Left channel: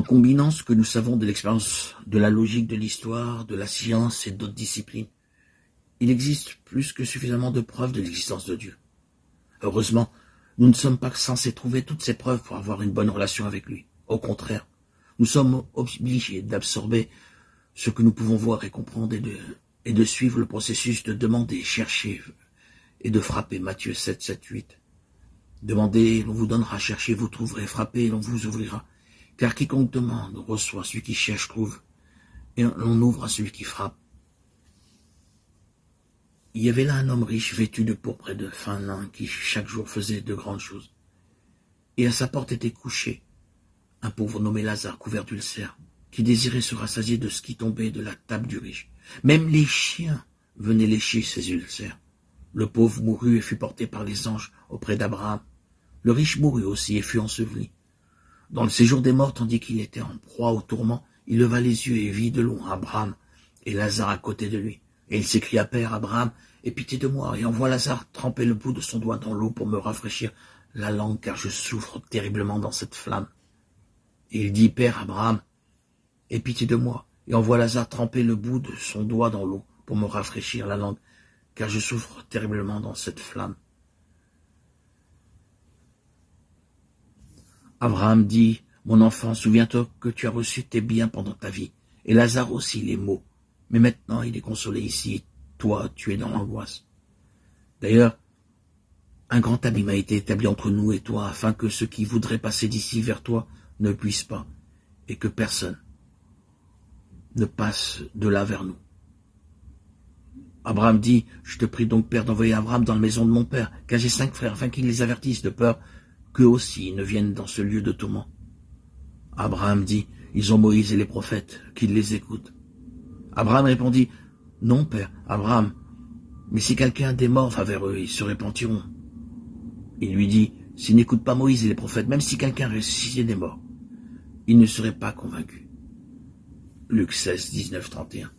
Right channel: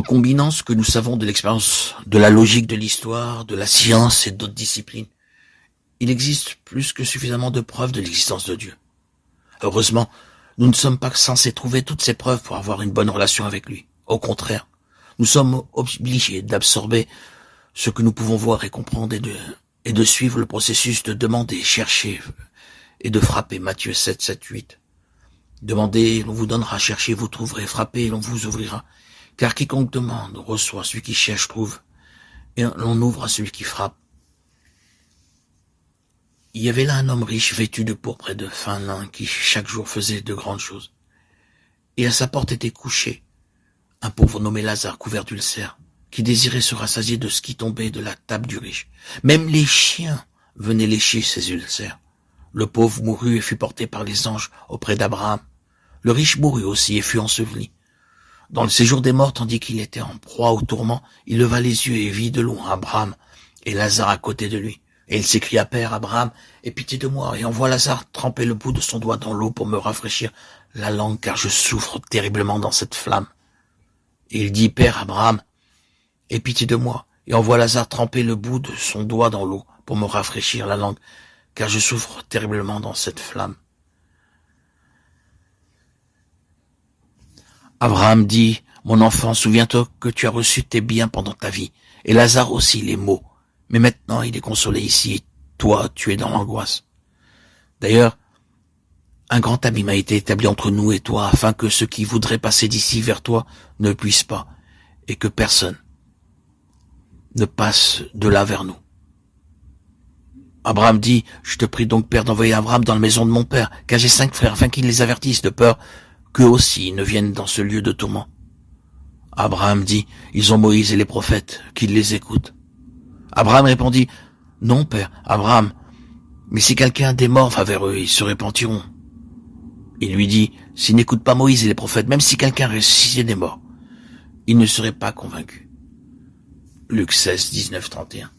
En combinant ce que nous savons de l'expérience, de la logique de l'histoire, de la science et d'autres disciplines, il existe plus que suffisamment de preuves de l'existence de Dieu. Heureusement, nous ne sommes pas censés trouver toutes ces preuves pour avoir une bonne relation avec lui. Au contraire, nous sommes obligés d'absorber ce que nous pouvons voir et comprendre et de suivre le processus de demander, chercher et de frapper. Matthieu 7, 7, 8. Demandez, l'on vous donnera, cherchez, vous trouverez, frappez, l'on vous ouvrira. Car quiconque demande, reçoit, celui qui cherche, trouve, et l'on ouvre à celui qui frappe. Il y avait là un homme riche, vêtu de pourpre et de fin lin, qui chaque jour faisait de grandes choses. Et à sa porte était couché un pauvre nommé Lazare, couvert d'ulcères, qui désirait se rassasier de ce qui tombait de la table du riche. Même les chiens venaient lécher ses ulcères. Le pauvre mourut et fut porté par les anges auprès d'Abraham. Le riche mourut aussi et fut enseveli. Dans le séjour des morts, tandis qu'il était en proie au tourment, il leva les yeux et vit de loin Abraham et Lazare à côté de lui. Et il s'écria, Père Abraham, aie pitié de moi, et envoie Lazare tremper le bout de son doigt dans l'eau pour me rafraîchir la langue, car je souffre terriblement dans cette flamme. Et il dit, Père Abraham, aie pitié de moi, et envoie Lazare tremper le bout de son doigt dans l'eau pour me rafraîchir la langue, car je souffre terriblement dans cette flamme. Abraham dit, mon enfant, souviens-toi que tu as reçu tes biens pendant ta vie, et Lazare aussi les maux. Mais maintenant, il est consolé ici, et toi, tu es dans l'angoisse. D'ailleurs, un grand abîme a été établi entre nous et toi, afin que ceux qui voudraient passer d'ici vers toi ne puissent pas, et que personne ne passe de là vers nous. Abraham dit, je te prie donc, Père, d'envoyer Abraham dans la maison de mon père, car j'ai 5 frères, afin qu'ils les avertissent, de peur qu'eux aussi ne viennent dans ce lieu de tourment. Abraham dit, ils ont Moïse et les prophètes, qu'ils les écoutent. Abraham répondit, non, Père, Abraham, mais si quelqu'un des morts va vers eux, ils se repentiront. Il lui dit, s'ils n'écoutent pas Moïse et les prophètes, même si quelqu'un ressuscitait des morts, ils ne seraient pas convaincus. Luc 16, 19, 31.